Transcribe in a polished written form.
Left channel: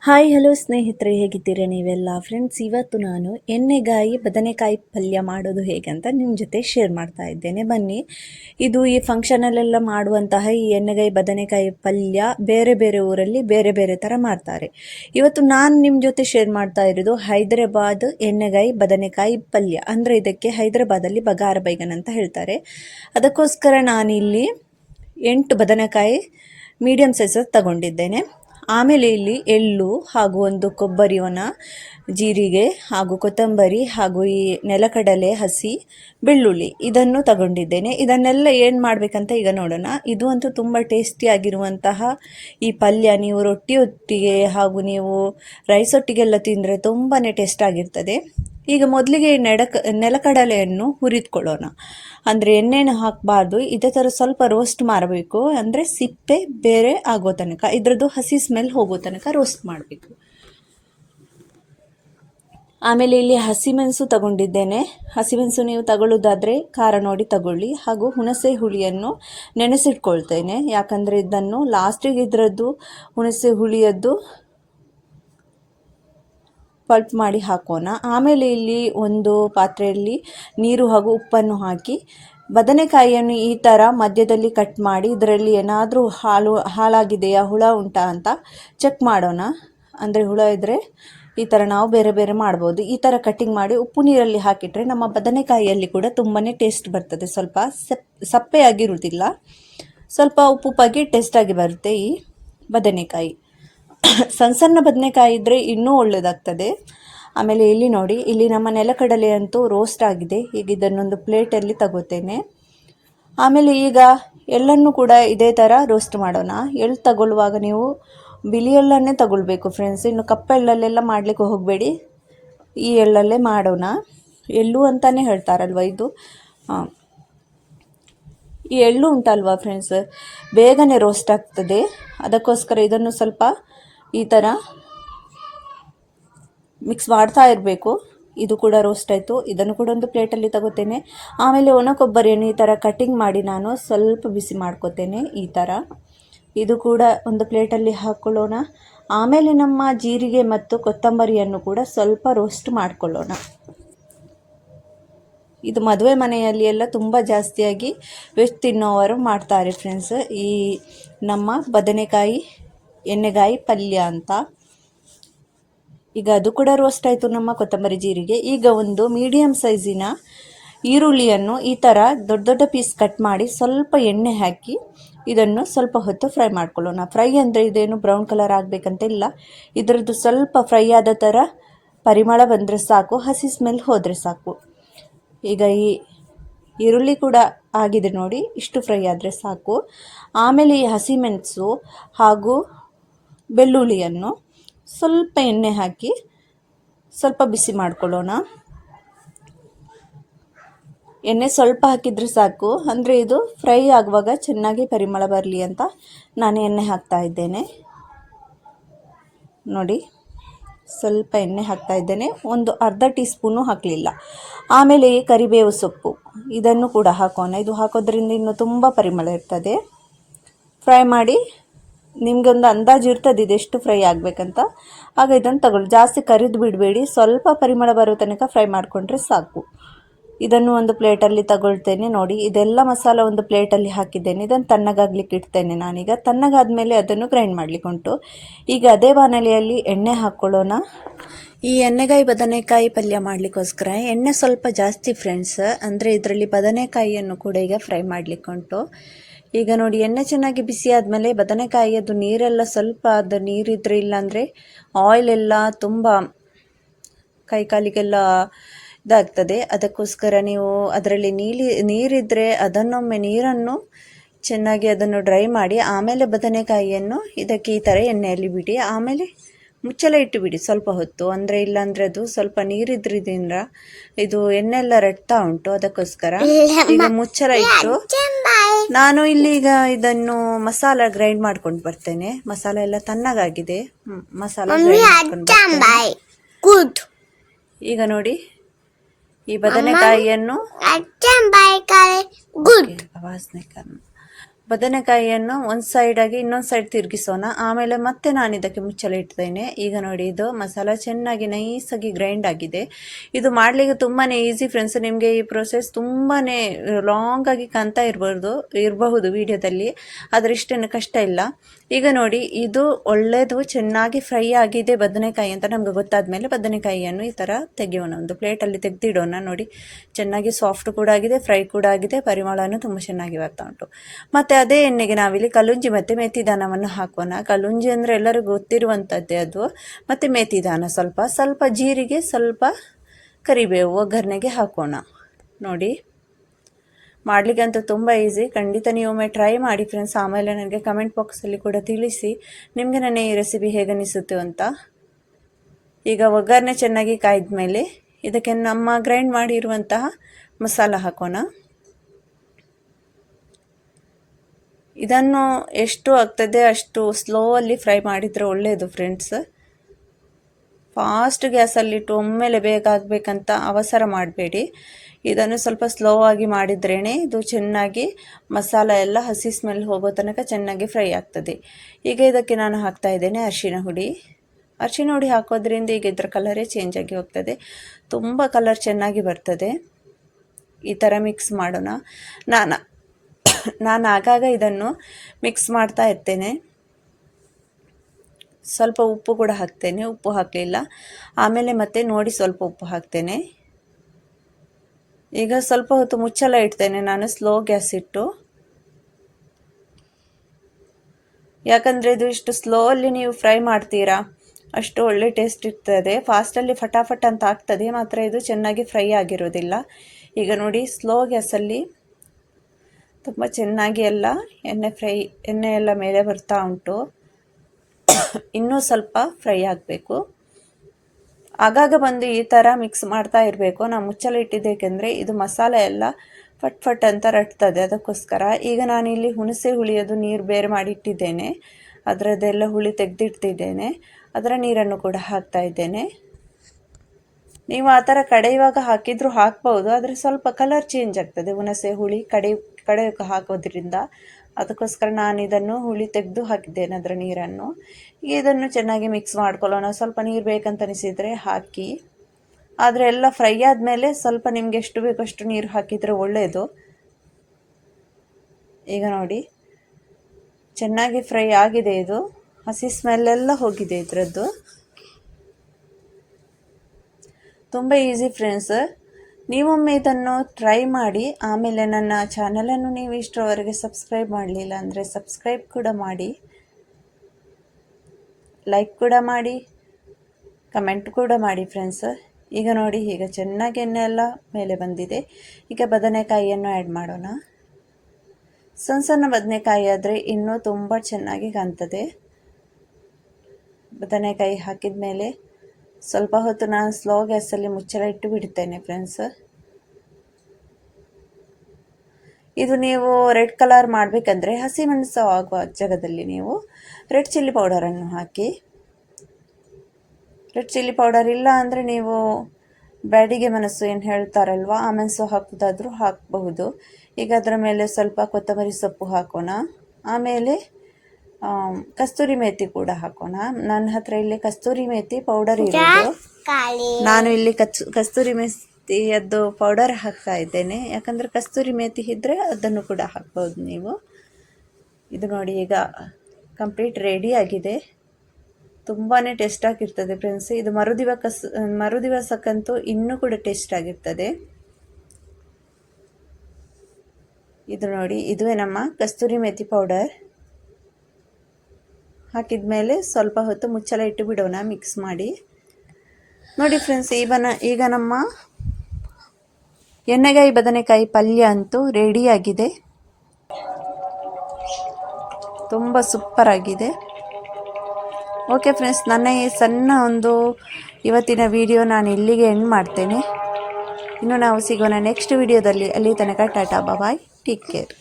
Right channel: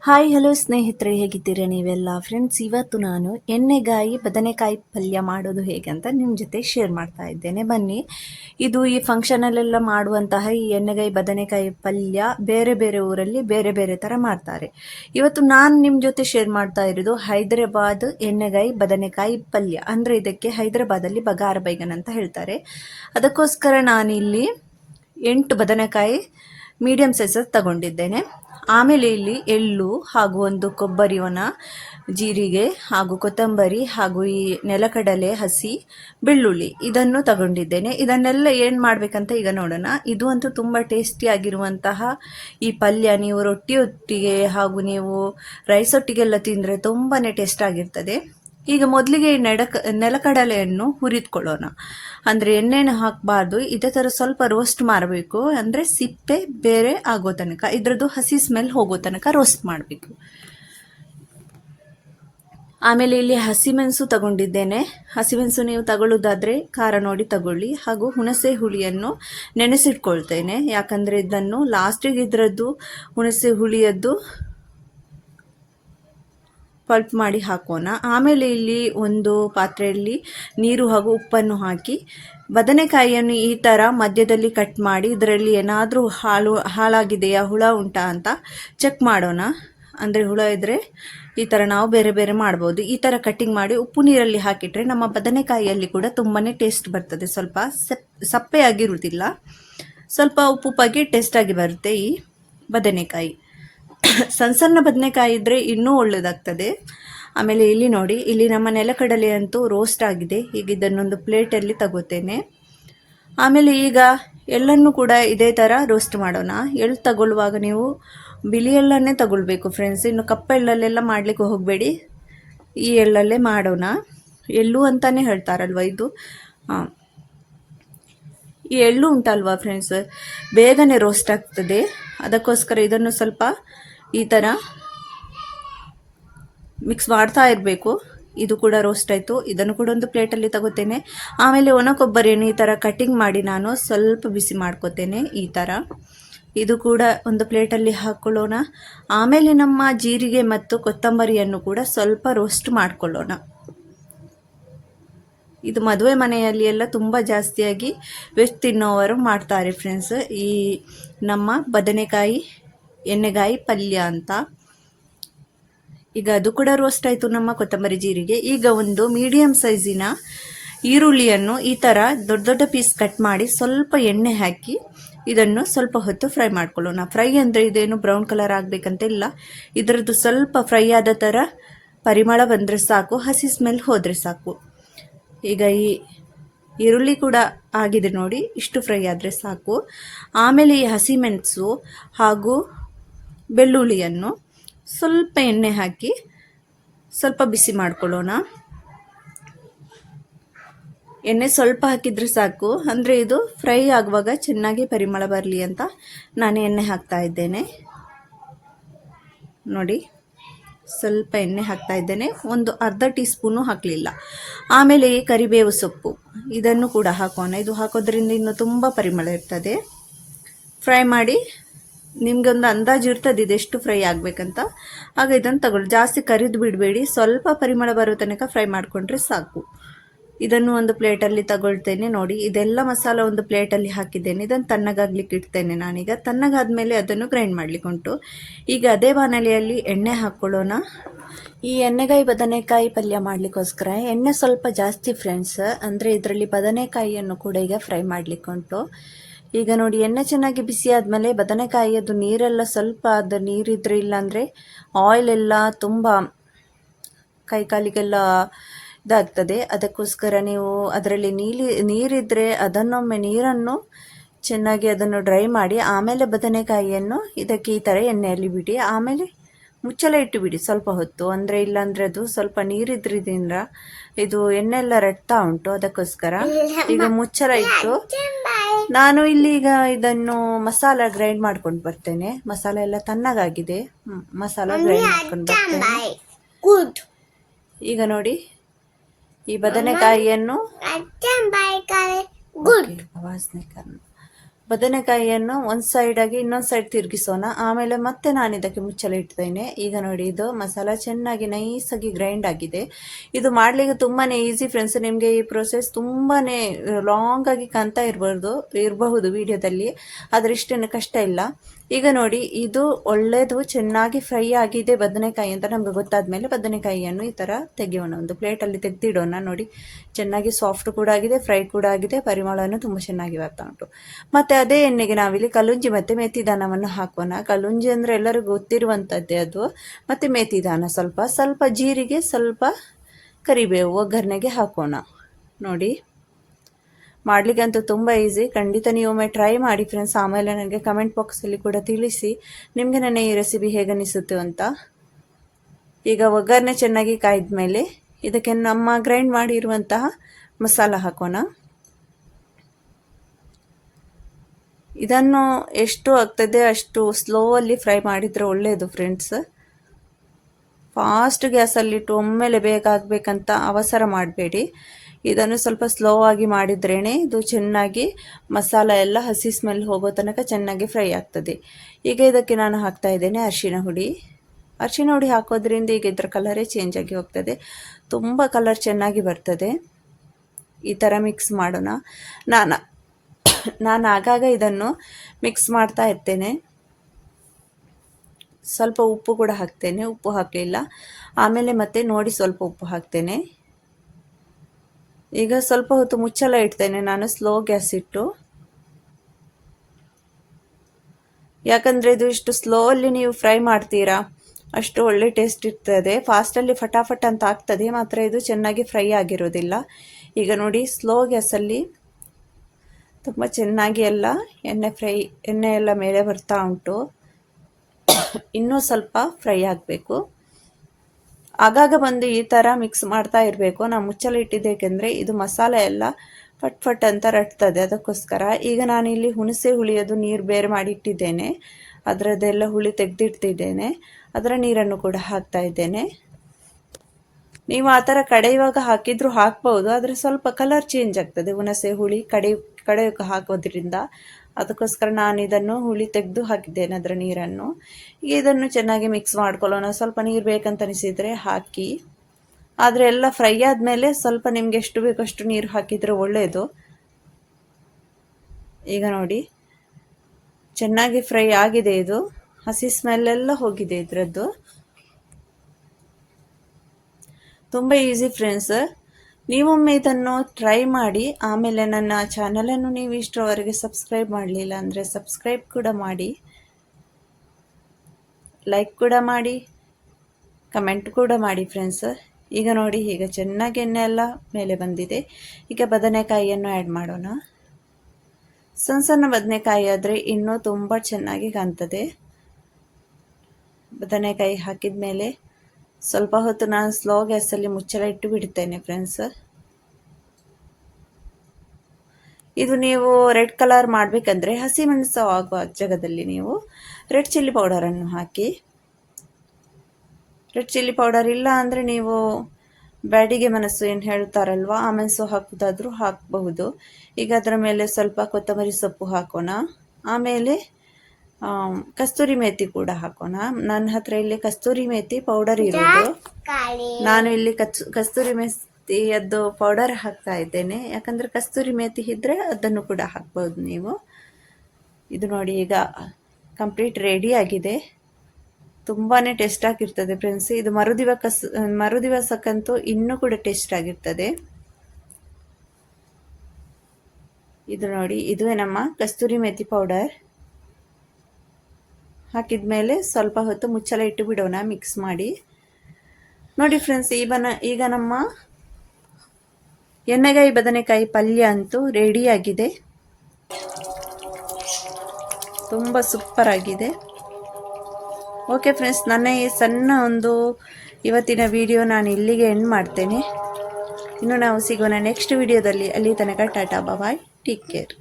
Hi hello ಸ್ನೇಹಿತರೆ, ಹೇಗಿದ್ದೀರಾ ನೀವೆಲ್ಲ ಫ್ರೆಂಡ್ಸ್? ಇವತ್ತು ನಾನು ಎಣ್ಣೆಗಾಯಿ ಬದನೆಕಾಯಿ ಪಲ್ಯ ಮಾಡೋದು ಹೇಗೆ ಅಂತ ನಿಮ್ಮ ಜೊತೆ ಶೇರ್ ಮಾಡ್ತಾ ಇದ್ದೇನೆ. ಬನ್ನಿ, ಇದು ಈ ಫಂಕ್ಷನಲ್ಲೆಲ್ಲ ಮಾಡುವಂತಹ ಈ ಎಣ್ಣೆಗಾಯಿ ಬದನೆಕಾಯಿ ಪಲ್ಯ ಬೇರೆ ಬೇರೆ ಊರಲ್ಲಿ ಬೇರೆ ಬೇರೆ ಥರ ಮಾಡ್ತಾರೆ. ಇವತ್ತು ನಾನು ನಿಮ್ಮ ಜೊತೆ ಶೇರ್ ಮಾಡ್ತಾ ಇರೋದು ಹೈದರಾಬಾದ್ ಎಣ್ಣೆಗಾಯಿ ಬದನೆಕಾಯಿ ಪಲ್ಯ. ಅಂದರೆ ಇದಕ್ಕೆ ಹೈದರಾಬಾದಲ್ಲಿ ಬಗಾರ ಬೈಗನ್ ಅಂತ ಹೇಳ್ತಾರೆ. ಅದಕ್ಕೋಸ್ಕರ ನಾನಿಲ್ಲಿ 8 ಬದನೆಕಾಯಿ ಮೀಡಿಯಮ್ ಸೈಜ್ ತಗೊಂಡಿದ್ದೇನೆ. ಆಮೇಲೆ ಇಲ್ಲಿ ಎಳ್ಳು ಹಾಗೂ ಒಂದು ಕೊಬ್ಬರಿಯೊನ, ಜೀರಿಗೆ ಹಾಗೂ ಕೊತ್ತಂಬರಿ ಹಾಗೂ ಈ ನೆಲಕಡಲೆ, ಹಸಿ ಬೆಳ್ಳುಳ್ಳಿ ಇದನ್ನು ತಗೊಂಡಿದ್ದೇನೆ. ಇದನ್ನೆಲ್ಲ ಏನು ಮಾಡಬೇಕಂತ ಈಗ ನೋಡೋಣ. ಇದು ಅಂತೂ ತುಂಬ ಟೇಸ್ಟಿಯಾಗಿರುವಂತಹ ಈ ಪಲ್ಯ ನೀವು ರೊಟ್ಟಿಯೊಟ್ಟಿಗೆ ಹಾಗೂ ನೀವು ರೈಸ್ ಒಟ್ಟಿಗೆಲ್ಲ ತಿಂದರೆ ತುಂಬಾ ಟೇಸ್ಟ್ ಆಗಿರ್ತದೆ. ಈಗ ಮೊದಲಿಗೆ ನೆಲಕಡಲೆಯನ್ನು ಹುರಿದುಕೊಳ್ಳೋಣ. ಅಂದರೆ ಎಣ್ಣೆಯನ್ನು ಹಾಕಬಾರ್ದು, ಇದೇ ಥರ ಸ್ವಲ್ಪ ರೋಸ್ಟ್ ಮಾಡಬೇಕು. ಅಂದರೆ ಸಿಪ್ಪೆ ಬೇರೆ ಆಗೋ ತನಕ, ಇದ್ರದ್ದು ಹಸಿ ಸ್ಮೆಲ್ ಹೋಗೋ ತನಕ ರೋಸ್ಟ್ ಮಾಡಬೇಕು. ಆಮೇಲೆ ಇಲ್ಲಿ ಹಸಿಮೆಣಸು ತಗೊಂಡಿದ್ದೇನೆ. ಹಸಿಮೆಣಸು ನೀವು ತಗೊಳ್ಳೋದಾದರೆ ಖಾರ ನೋಡಿ ತಗೊಳ್ಳಿ. ಹಾಗೂ ಹುಣಸೆ ಹುಳಿಯನ್ನು ನೆನೆಸಿಟ್ಕೊಳ್ತೇನೆ, ಯಾಕಂದರೆ ಇದನ್ನು ಲಾಸ್ಟಿಗೆ ಇದರದ್ದು ಹುಣಸೆ ಹುಳಿಯದ್ದು ಪಲ್ಪ್ ಮಾಡಿ ಹಾಕೋಣ. ಆಮೇಲೆ ಇಲ್ಲಿ ಒಂದು ಪಾತ್ರೆಯಲ್ಲಿ ನೀರು ಹಾಗೂ ಉಪ್ಪನ್ನು ಹಾಕಿ ಬದನೆಕಾಯಿಯನ್ನು ಈ ಥರ ಮಧ್ಯದಲ್ಲಿ ಕಟ್ ಮಾಡಿ ಇದರಲ್ಲಿ ಏನಾದರೂ ಹಾಳಾಗಿದೆಯಾ, ಹುಳ ಉಂಟಾ ಅಂತ ಚೆಕ್ ಮಾಡೋಣ. ಅಂದರೆ ಹುಳ ಇದ್ದರೆ ಈ ಥರ ನಾವು ಬೇರೆ ಬೇರೆ ಮಾಡ್ಬೋದು. ಈ ಥರ ಕಟ್ಟಿಂಗ್ ಮಾಡಿ ಉಪ್ಪು ನೀರಲ್ಲಿ ಹಾಕಿಟ್ರೆ ನಮ್ಮ ಬದನೆಕಾಯಿಯಲ್ಲಿ ಕೂಡ ತುಂಬಾ ಟೇಸ್ಟ್ ಬರ್ತದೆ. ಸ್ವಲ್ಪ ಸಪ್ಪೆಯಾಗಿರುವುದಿಲ್ಲ, ಸ್ವಲ್ಪ ಉಪ್ಪುಪ್ಪಾಗಿ ಟೇಸ್ಟಾಗಿ ಬರುತ್ತೆ ಈ ಬದನೆಕಾಯಿ. ಸಣ್ಣ ಸಣ್ಣ ಬದನೆಕಾಯಿ ಇದ್ದರೆ ಇನ್ನೂ ಒಳ್ಳೆಯದಾಗ್ತದೆ. ಆಮೇಲೆ ಇಲ್ಲಿ ನೋಡಿ, ಇಲ್ಲಿ ನಮ್ಮ ನೆಲಕಡಲೆ ಅಂತೂ ರೋಸ್ಟ್ ಆಗಿದೆ. ಈಗ ಇದನ್ನೊಂದು ಪ್ಲೇಟಲ್ಲಿ ತಗೋತೇನೆ. ಆಮೇಲೆ ಈಗ ಎಳ್ಳನ್ನು ಕೂಡ ಇದೇ ಥರ ರೋಸ್ಟ್ ಮಾಡೋಣ. ಎಳ್ಳು ತಗೊಳ್ಳುವಾಗ ನೀವು ಬಿಳಿ ಎಳ್ಳನ್ನೇ ತಗೊಳ್ಬೇಕು ಫ್ರೆಂಡ್ಸ್. ಇನ್ನು ಕಪ್ಪೆಳ್ಳಲ್ಲೆಲ್ಲ ಮಾಡಲಿಕ್ಕೆ ಹೋಗಬೇಡಿ, ಈ ಎಳ್ಳಲ್ಲೇ ಮಾಡೋಣ. ಎಳ್ಳು ಅಂತಲೇ ಹೇಳ್ತಾರಲ್ವ ಇದು. ಈ ಎಳ್ಳು ಉಂಟಲ್ವಾ ಫ್ರೆಂಡ್ಸ್, ಬೇಗನೆ ರೋಸ್ಟ್ ಆಗ್ತದೆ. ಅದಕ್ಕೋಸ್ಕರ ಇದನ್ನು ಸ್ವಲ್ಪ ಈ ಥರ ಮಿಕ್ಸ್ ಮಾಡ್ತಾ ಇರಬೇಕು. ಇದು ಕೂಡ ರೋಸ್ಟ್ ಆಯಿತು. ಇದನ್ನು ಕೂಡ ಒಂದು ಪ್ಲೇಟಲ್ಲಿ ತಗೋತೇನೆ. ಆಮೇಲೆ ಒಣ ಕೊಬ್ಬರಿಯನ್ನು ಈ ಥರ ಕಟ್ಟಿಂಗ್ ಮಾಡಿ ನಾನು ಸ್ವಲ್ಪ ಬಿಸಿ ಮಾಡ್ಕೋತೇನೆ ಈ ಥರ. ಇದು ಕೂಡ ಒಂದು ಪ್ಲೇಟಲ್ಲಿ ಹಾಕ್ಕೊಳ್ಳೋಣ. ಆಮೇಲೆ ನಮ್ಮ ಜೀರಿಗೆ ಮತ್ತು ಕೊತ್ತಂಬರಿಯನ್ನು ಕೂಡ ಸ್ವಲ್ಪ ರೋಸ್ಟ್ ಮಾಡ್ಕೊಳ್ಳೋಣ. ಇದು ಮದುವೆ ಮನೆಯಲ್ಲಿ ಎಲ್ಲ ತುಂಬ ಜಾಸ್ತಿಯಾಗಿ ವೆಜ್ ತಿನ್ನೋವರು ಮಾಡ್ತಾರೆ ಫ್ರೆಂಡ್ಸ್, ಈ ನಮ್ಮ ಬದನೆಕಾಯಿ ಎಣ್ಣೆಗಾಯಿ ಪಲ್ಯ ಅಂತ. ಈಗ ಅದು ಕೂಡ ರೋಸ್ಟ್ ಆಯಿತು ನಮ್ಮ ಕೊತ್ತಂಬರಿ ಜೀರಿಗೆ. ಈಗ ಒಂದು ಮೀಡಿಯಮ್ ಸೈಜಿನ ಈರುಳ್ಳಿಯನ್ನು ಈ ಥರ ದೊಡ್ಡ ದೊಡ್ಡ ಪೀಸ್ ಕಟ್ ಮಾಡಿ ಸ್ವಲ್ಪ ಎಣ್ಣೆ ಹಾಕಿ ಇದನ್ನು ಸ್ವಲ್ಪ ಹೊತ್ತು ಫ್ರೈ ಮಾಡ್ಕೊಳ್ಳೋಣ. ಫ್ರೈ ಅಂದರೆ ಇದೇನು ಬ್ರೌನ್ ಕಲರ್ ಆಗಬೇಕಂತ ಇಲ್ಲ, ಇದರದ್ದು ಸ್ವಲ್ಪ ಫ್ರೈ ಆದ ಥರ ಪರಿಮಳ ಬಂದರೆ ಸಾಕು, ಹಸಿ ಸ್ಮೆಲ್ ಹೋದರೆ ಸಾಕು. ಈಗ ಈ ಈರುಳ್ಳಿ ಕೂಡ ಆಗಿದೆ ನೋಡಿ, ಇಷ್ಟು ಫ್ರೈ ಆದರೆ ಸಾಕು. ಆಮೇಲೆ ಈ ಹಸಿಮೆಣಸು ಹಾಗೂ ಬೆಳ್ಳುಳ್ಳಿಯನ್ನು ಸ್ವಲ್ಪ ಎಣ್ಣೆ ಹಾಕಿ ಸ್ವಲ್ಪ ಬಿಸಿ ಮಾಡ್ಕೊಳ್ಳೋಣ. ಎಣ್ಣೆ ಸ್ವಲ್ಪ ಹಾಕಿದರೆ ಸಾಕು, ಅಂದರೆ ಇದು ಫ್ರೈ ಆಗುವಾಗ ಚೆನ್ನಾಗಿ ಪರಿಮಳ ಬರಲಿ ಅಂತ ನಾನು ಎಣ್ಣೆ ಹಾಕ್ತಾ ಇದ್ದೇನೆ. ನೋಡಿ, ಸ್ವಲ್ಪ ಎಣ್ಣೆ ಹಾಕ್ತಾ ಇದ್ದೇನೆ, ಒಂದು ಅರ್ಧ ಟೀ ಸ್ಪೂನು ಹಾಕಲಿಲ್ಲ. ಆಮೇಲೆ ಕರಿಬೇವು ಸೊಪ್ಪು ಇದನ್ನು ಕೂಡ ಹಾಕೋಣ. ಇದು ಹಾಕೋದ್ರಿಂದ ಇನ್ನು ತುಂಬ ಪರಿಮಳ ಇರ್ತದೆ. ಫ್ರೈ ಮಾಡಿ ನಿಮಗೊಂದು ಅಂದಾಜು ಇರ್ತದೆ ಇದೆಷ್ಟು ಫ್ರೈ ಆಗಬೇಕಂತ. ಆಗ ಇದನ್ನು ತಗೊಳ್ಳಿ. ಜಾಸ್ತಿ ಕರಿದು ಬಿಡಬೇಡಿ, ಸ್ವಲ್ಪ ಪರಿಮಳ ಬರೋ ತನಕ ಫ್ರೈ ಮಾಡಿಕೊಂಡ್ರೆ ಸಾಕು. ಇದನ್ನು ಒಂದು ಪ್ಲೇಟಲ್ಲಿ ತಗೊಳ್ತೇನೆ. ನೋಡಿ, ಇದೆಲ್ಲ ಮಸಾಲ ಒಂದು ಪ್ಲೇಟಲ್ಲಿ ಹಾಕಿದ್ದೇನೆ. ಇದನ್ನು ತಣ್ಣಗಾಗ್ಲಿಕ್ಕೆ ಇಡ್ತೇನೆ ನಾನೀಗ. ತಣ್ಣಗಾದ್ಮೇಲೆ ಅದನ್ನು ಗ್ರೈಂಡ್ ಮಾಡಲಿಕ್ಕೆ ಉಂಟು. ಈಗ ಅದೇ ಬಾಣಲೆಯಲ್ಲಿ ಎಣ್ಣೆ ಹಾಕ್ಕೊಳ್ಳೋಣ. ಈ ಎಣ್ಣೆಗಾಯಿ ಬದನೆಕಾಯಿ ಪಲ್ಯ ಮಾಡಲಿಕ್ಕೋಸ್ಕರ ಎಣ್ಣೆ ಸ್ವಲ್ಪ ಜಾಸ್ತಿ ಫ್ರೆಂಡ್ಸ್. ಅಂದರೆ ಇದರಲ್ಲಿ ಬದನೆಕಾಯಿಯನ್ನು ಕೂಡ ಈಗ ಫ್ರೈ ಮಾಡಲಿಕ್ಕೆ ಉಂಟು. ಈಗ ನೋಡಿ, ಎಣ್ಣೆ ಚೆನ್ನಾಗಿ ಬಿಸಿ ಆದಮೇಲೆ ಬದನೆಕಾಯಿಯದು ನೀರೆಲ್ಲ ಸ್ವಲ್ಪ ಅದು ನೀರಿದ್ರೆ, ಇಲ್ಲಾಂದರೆ ಆಯಿಲೆಲ್ಲ ತುಂಬ ಕೈಕಾಲಿಗೆಲ್ಲ ಇದಾಗ್ತದೆ. ಅದಕ್ಕೋಸ್ಕರ ನೀವು ಅದರಲ್ಲಿ ನೀರಿದ್ದರೆ ಅದನ್ನೊಮ್ಮೆ ನೀರನ್ನು ಚೆನ್ನಾಗಿ ಅದನ್ನು ಡ್ರೈ ಮಾಡಿ ಆಮೇಲೆ ಬದನೆಕಾಯಿಯನ್ನು ಇದಕ್ಕೆ ಈ ಥರ ಎಣ್ಣೆಯಲ್ಲಿ ಬಿಡಿ. ಆಮೇಲೆ ಮುಚ್ಚಳ ಇಟ್ಟು ಬಿಡಿ ಸ್ವಲ್ಪ ಹೊತ್ತು. ಅಂದರೆ ಇಲ್ಲಾಂದರೆ ಅದು ಸ್ವಲ್ಪ ನೀರಿದ್ರಿಂದ ಇದು ಎಣ್ಣೆ ಎಲ್ಲ ರಟ್ತಾ ಉಂಟು. ಅದಕ್ಕೋಸ್ಕರ ಈಗ ಮುಚ್ಚಳ ಇಟ್ಟು ನಾನು ಇಲ್ಲಿ ಈಗ ಇದನ್ನು ಮಸಾಲ ಗ್ರೈಂಡ್ ಮಾಡ್ಕೊಂಡು ಬರ್ತೇನೆ. ಮಸಾಲ ಎಲ್ಲ ತಣ್ಣಗಾಗಿದೆ, ಮಸಾಲ ಈಗ ನೋಡಿ, ಈ ಬದನೆಕಾಯಿಯನ್ನು ಒಂದು ಸೈಡಾಗಿ ಇನ್ನೊಂದು ಸೈಡ್ ತಿರುಗಿಸೋಣ. ಆಮೇಲೆ ಮತ್ತೆ ನಾನು ಇದಕ್ಕೆ ಮುಚ್ಚಳ ಇಡ್ತೇನೆ. ಈಗ ನೋಡಿ, ಇದು ಮಸಾಲ ಚೆನ್ನಾಗಿ ನೈಸಾಗಿ ಗ್ರೈಂಡ್ ಆಗಿದೆ. ಇದು ಮಾಡಲಿಕ್ಕೆ ತುಂಬಾ ಈಸಿ ಫ್ರೆಂಡ್ಸ್. ನಿಮಗೆ ಈ ಪ್ರೊಸೆಸ್ ತುಂಬಾ ಲಾಂಗ್ ಆಗಿ ಕಾಣ್ತಾ ಇರಬಹುದು ವಿಡಿಯೋದಲ್ಲಿ, ಆದರೆ ಇಷ್ಟೇನು ಕಷ್ಟ ಇಲ್ಲ. ಈಗ ನೋಡಿ, ಇದು ಒಳ್ಳೆಯದು ಚೆನ್ನಾಗಿ ಫ್ರೈ ಆಗಿದೆ ಬದನೆಕಾಯಿ ಅಂತ ನಮ್ಗೆ ಗೊತ್ತಾದ ಮೇಲೆ ಬದನೆಕಾಯಿಯನ್ನು ಈ ಥರ ತೆಗೆಯೋಣ, ಒಂದು ಪ್ಲೇಟಲ್ಲಿ ತೆಗೆದಿಡೋಣ. ನೋಡಿ, ಚೆನ್ನಾಗಿ ಸಾಫ್ಟ್ ಕೂಡ ಆಗಿದೆ, ಫ್ರೈ ಕೂಡ ಆಗಿದೆ, ಪರಿಮಳನೂ ತುಂಬ ಚೆನ್ನಾಗಿ ಬರ್ತಾ ಉಂಟು. ಮತ್ತು ಅದೇ ಎಣ್ಣೆಗೆ ನಾವಿಲ್ಲಿ ಕಲ್ಲುಂಜಿ ಮತ್ತು ಮೆಥಿದಾನವನ್ನು ಹಾಕೋಣ. ಕಲ್ಲುಂಜಿ ಅಂದರೆ ಎಲ್ಲರಿಗೂ ಗೊತ್ತಿರುವಂಥದ್ದೇ ಅದು. ಮತ್ತು ಮೆಥಿದಾನ ಸ್ವಲ್ಪ ಜೀರಿಗೆ, ಸ್ವಲ್ಪ ಕರಿಬೇವು ಒಗ್ಗರಣೆಗೆ ಹಾಕೋಣ. ನೋಡಿ, ಮಾಡಲಿಕ್ಕೆ ಅಂತೂ ತುಂಬ ಈಸಿ. ಖಂಡಿತ ನೀವು ಒಮ್ಮೆ ಟ್ರೈ ಮಾಡಿ ಫ್ರೆಂಡ್ಸ್. ಆಮೇಲೆ ನನಗೆ ಕಮೆಂಟ್ ಬಾಕ್ಸಲ್ಲಿ ಕೂಡ ತಿಳಿಸಿ ನಿಮಗೆ ನನ್ನ ಈ ರೆಸಿಪಿ ಹೇಗನ್ನಿಸುತ್ತೆ ಅಂತ. ಈಗ ಒಗ್ಗರಣೆ ಚೆನ್ನಾಗಿ ಕಾಯ್ದ ಮೇಲೆ ಇದಕ್ಕೆ ನಮ್ಮ ಗ್ರೈಂಡ್ ಮಾಡಿರುವಂತಹ ಮಸಾಲ ಹಾಕೋಣ. ಇದನ್ನು ಎಷ್ಟು ಆಗ್ತದೆ ಅಷ್ಟು ಸ್ಲೋವಲ್ಲಿ ಫ್ರೈ ಮಾಡಿದರೆ ಒಳ್ಳೆಯದು ಫ್ರೆಂಡ್ಸ್. ಫಾಸ್ಟ್ ಗ್ಯಾಸಲ್ಲಿಟ್ಟು ಒಮ್ಮೆಲೆ ಬೇಗ ಆಗಬೇಕಂತ ಅವಸರ ಮಾಡಬೇಡಿ. ಇದನ್ನು ಸ್ವಲ್ಪ ಸ್ಲೋ ಆಗಿ ಮಾಡಿದ್ರೇ ಇದು ಚೆನ್ನಾಗಿ ಮಸಾಲ ಎಲ್ಲ ಹಸಿ ಸ್ಮೆಲ್ ಹೋಗೋ ತನಕ ಚೆನ್ನಾಗಿ ಫ್ರೈ ಆಗ್ತದೆ. ಈಗ ಇದಕ್ಕೆ ನಾನು ಹಾಕ್ತಾ ಇದ್ದೇನೆ ಅರಿಶಿಣ ಹುಡಿ. ಅರಿಶಿಣ ಹುಡಿ ಹಾಕೋದ್ರಿಂದ ಈಗ ಇದರ ಕಲರೇ ಚೇಂಜ್ ಆಗಿ ಹೋಗ್ತದೆ, ತುಂಬ ಕಲರ್ ಚೆನ್ನಾಗಿ ಬರ್ತದೆ. ಈ ಥರ ಮಿಕ್ಸ್ ಮಾಡೋಣ. ನಾನು ಆಗಾಗ ಇದನ್ನು ಮಿಕ್ಸ್ ಮಾಡ್ತಾ ಇರ್ತೇನೆ. ಸ್ವಲ್ಪ ಉಪ್ಪು ಕೂಡ ಹಾಕ್ತೇನೆ, ಉಪ್ಪು ಹಾಕಲಿಲ್ಲ ಆಮೇಲೆ ಮತ್ತೆ ನೋಡಿ ಸ್ವಲ್ಪ ಉಪ್ಪು ಹಾಕ್ತೇನೆ. ಈಗ ಸ್ವಲ್ಪ ಹೊತ್ತು ಮುಚ್ಚಳ ಇಡ್ತೇನೆ ನಾನು, ಸ್ಲೋ ಗ್ಯಾಸ್ ಇಟ್ಟು. ಯಾಕಂದರೆ ಇದು ಇಷ್ಟು ಸ್ಲೋ ಅಲ್ಲಿ ನೀವು ಫ್ರೈ ಮಾಡ್ತೀರಾ ಅಷ್ಟು ಒಳ್ಳೆ ಟೇಸ್ಟ್ ಇರ್ತದೆ. ಫಾಸ್ಟಲ್ಲಿ ಫಟಾಫಟ್ ಅಂತ ಆಗ್ತದೆ, ಮಾತ್ರ ಇದು ಚೆನ್ನಾಗಿ ಫ್ರೈ ಆಗಿರೋದಿಲ್ಲ. ಈಗ ನೋಡಿ, ಸ್ಲೋ ಗ್ಯಾಸಲ್ಲಿ ತುಂಬ ಚೆನ್ನಾಗಿ ಎಲ್ಲ ಎಣ್ಣೆ ಎಲ್ಲ ಮೇಲೆ ಬರ್ತಾ ಉಂಟು. ಇನ್ನೂ ಸ್ವಲ್ಪ ಫ್ರೈ ಆಗಬೇಕು. ಆಗಾಗ ಬಂದು ಈ ಥರ ಮಿಕ್ಸ್ ಮಾಡ್ತಾ ಇರಬೇಕು. ನಾವು ಮುಚ್ಚಳ ಇಟ್ಟಿದ್ದೇಕೆಂದರೆ ಇದು ಮಸಾಲೆ ಎಲ್ಲ ಫಟ್ ಅಂತ ರಟ್ತದೆ, ಅದಕ್ಕೋಸ್ಕರ. ಈಗ ನಾನಿಲ್ಲಿ ಹುಣಸೆ ಹುಳಿಯದು ನೀರು ಬೇರೆ ಮಾಡಿ ಇಟ್ಟಿದ್ದೇನೆ, ಅದರದ್ದೆಲ್ಲ ಹುಳಿ ತೆಗೆದಿಡ್ತಿದ್ದೇನೆ. ಅದರ ನೀರನ್ನು ಕೂಡ ಹಾಕ್ತಾ ಇದ್ದೇನೆ. ನೀವು ಆ ಥರ ಕಡೆಯುವಾಗ ಹಾಕಿದರೂ ಹಾಕ್ಬೋದು, ಆದರೆ ಸ್ವಲ್ಪ ಕಲರ್ ಚೇಂಜ್ ಆಗ್ತದೆ ಹುಣಸೆ ಹುಳಿ ಕಡೆಯೋಕೆ ಹಾಕೋದ್ರಿಂದ. ಅದಕ್ಕೋಸ್ಕರ ನಾನು ಇದನ್ನು ಹುಳಿ ತೆಗೆದು ಹಾಕಿದ್ದೇನೆ ಅದರ ನೀರನ್ನು. ಈಗ ಇದನ್ನು ಚೆನ್ನಾಗಿ ಮಿಕ್ಸ್ ಮಾಡ್ಕೊಳ್ಳೋಣ. ಸ್ವಲ್ಪ ನೀರು ಬೇಕಂತ ಅನಿಸಿದರೆ ಹಾಕಿ, ಆದರೆ ಎಲ್ಲ ಫ್ರೈ ಆದಮೇಲೆ ಸ್ವಲ್ಪ ನಿಮಗೆ ಎಷ್ಟು ಬೇಕಷ್ಟು ನೀರು ಹಾಕಿದರೆ ಒಳ್ಳೆಯದು. ಈಗ ನೋಡಿ, ಚೆನ್ನಾಗಿ ಫ್ರೈ ಆಗಿದೆ. ಇದು ಹಸಿ ಸ್ಮೆಲ್ಲೆಲ್ಲ ಹೋಗಿದೆ ಇದರದ್ದು. ತುಂಬ ಈಸಿ ಫ್ರೆಂಡ್ಸ್. ನೀವೊಮ್ಮೆ ಇದನ್ನು ಟ್ರೈ ಮಾಡಿ. ಆಮೇಲೆ ನನ್ನ ಚಾನಲನ್ನು ನೀವು ಇಷ್ಟರವರೆಗೆ ಸಬ್ಸ್ಕ್ರೈಬ್ ಮಾಡಲಿಲ್ಲ ಅಂದರೆ ಸಬ್ಸ್ಕ್ರೈಬ್ ಕೂಡ ಮಾಡಿ, ಲೈಕ್ ಕೂಡ ಮಾಡಿ, ಕಮೆಂಟ್ ಕೂಡ ಮಾಡಿ ಫ್ರೆಂಡ್ಸ್. ಈಗ ನೋಡಿ, ಈಗ ಚೆನ್ನಾಗಿ ಎಣ್ಣೆ ಎಲ್ಲ ಮೇಲೆ ಬಂದಿದೆ. ಈಗ ಬದನೆಕಾಯಿಯನ್ನು ಆ್ಯಡ್ ಮಾಡೋಣ. ಸಣ್ಣ ಬದನೆಕಾಯಿ ಆದರೆ ಇನ್ನೂ ತುಂಬ ಚೆನ್ನಾಗಿ ಕಾಣ್ತದೆ. ಬದನೆಕಾಯಿ ಹಾಕಿದ ಮೇಲೆ ಸ್ವಲ್ಪ ಹೊತ್ತು ನಾನು ಸ್ಲೋ ಗ್ಯಾಸಲ್ಲಿ ಮುಚ್ಚಳ ಇಟ್ಟು ಬಿಡ್ತೇನೆ ಫ್ರೆಂಡ್ಸ್. ಇದು ನೀವು ರೆಡ್ ಕಲರ್ ಮಾಡಬೇಕಂದ್ರೆ ಹಸಿಮೆಣಸು ಆಗುವ ಜಾಗದಲ್ಲಿ ನೀವು ರೆಡ್ ಚಿಲ್ಲಿ ಪೌಡರನ್ನು ಹಾಕಿ. ರೆಡ್ ಚಿಲ್ಲಿ ಪೌಡರ್ ಇಲ್ಲ ಅಂದರೆ ನೀವು ಬ್ಯಾಡಿಗೆ ಮೆಣಸು ಏನು ಹೇಳ್ತಾರಲ್ವ, ಆ ಮೆಣಸು ಹಾಕೋದಾದರೂ ಹಾಕಬಹುದು. ಈಗ ಅದರ ಮೇಲೆ ಸ್ವಲ್ಪ ಕೊತ್ತಂಬರಿ ಸೊಪ್ಪು ಹಾಕೋಣ. ಆಮೇಲೆ ಕಸ್ತೂರಿ ಮೇಥಿ ಕೂಡ ಹಾಕೋಣ. ನನ್ನ ಹತ್ರ ಇಲ್ಲಿ ಕಸ್ತೂರಿ ಮೇಥಿ ಪೌಡರ್ ಇರೋದು, ನಾನು ಇಲ್ಲಿ ಕಸ್ತೂರಿ ಮೇಥಿಯದ್ದು ಪೌಡರ್ ಹಾಕ್ತಾ ಇದ್ದೇನೆ. ಯಾಕಂದರೆ ಕಸ್ತೂರಿ ಮೇಥಿ ಇದ್ದರೆ ಅದನ್ನು ಕೂಡ ಹಾಕ್ಬೋದು ನೀವು. ಇದು ನೋಡಿ, ಈಗ ಕಂಪ್ಲೀಟ್ ರೆಡಿ ಆಗಿದೆ. ತುಂಬಾ ಟೇಸ್ಟ್ ಆಗಿರ್ತದೆ ಫ್ರೆಂಡ್ಸ್. ಇದು ಮರುದಿವಸಕ್ಕಂತೂ ಇನ್ನೂ ಕೂಡ ಟೇಸ್ಟ್ ಆಗಿರ್ತದೆ. ಇದು ನೋಡಿ, ಇದುವೇ ನಮ್ಮ ಕಸ್ತೂರಿ ಮೇಥಿ ಪೌಡರ್. ಹಾಕಿದ ಮೇಲೆ ಸ್ವಲ್ಪ ಹೊತ್ತು ಮುಚ್ಚಳ ಇಟ್ಟು ಬಿಡೋಣ, ಮಿಕ್ಸ್ ಮಾಡಿ. ನೋಡಿ ಫ್ರೆಂಡ್ಸ್, ಈಗ ನಮ್ಮ ಎಣ್ಣೆಗಾಯಿ ಬದನೆಕಾಯಿ ಪಲ್ಯ ಅಂತೂ ರೆಡಿಯಾಗಿದೆ. ತುಂಬ ಸೂಪರ್ ಆಗಿದೆ. ಓಕೆ ಫ್ರೆಂಡ್ಸ್, ನನ್ನ ಈ ಸಣ್ಣ ಒಂದು ಇವತ್ತಿನ ವಿಡಿಯೋ ನಾನು ಇಲ್ಲಿಗೆ ಎಂಡ್ ಮಾಡ್ತೇನೆ. ಇನ್ನು ನಾವು ಸಿಗೋಣ ನೆಕ್ಸ್ಟ್ ವಿಡಿಯೋದಲ್ಲಿ. ಅಲ್ಲಿ ತನಕ ಟಾಟಾ ಬಾಯ್, ಟೇಕ್ ಕೇರ್.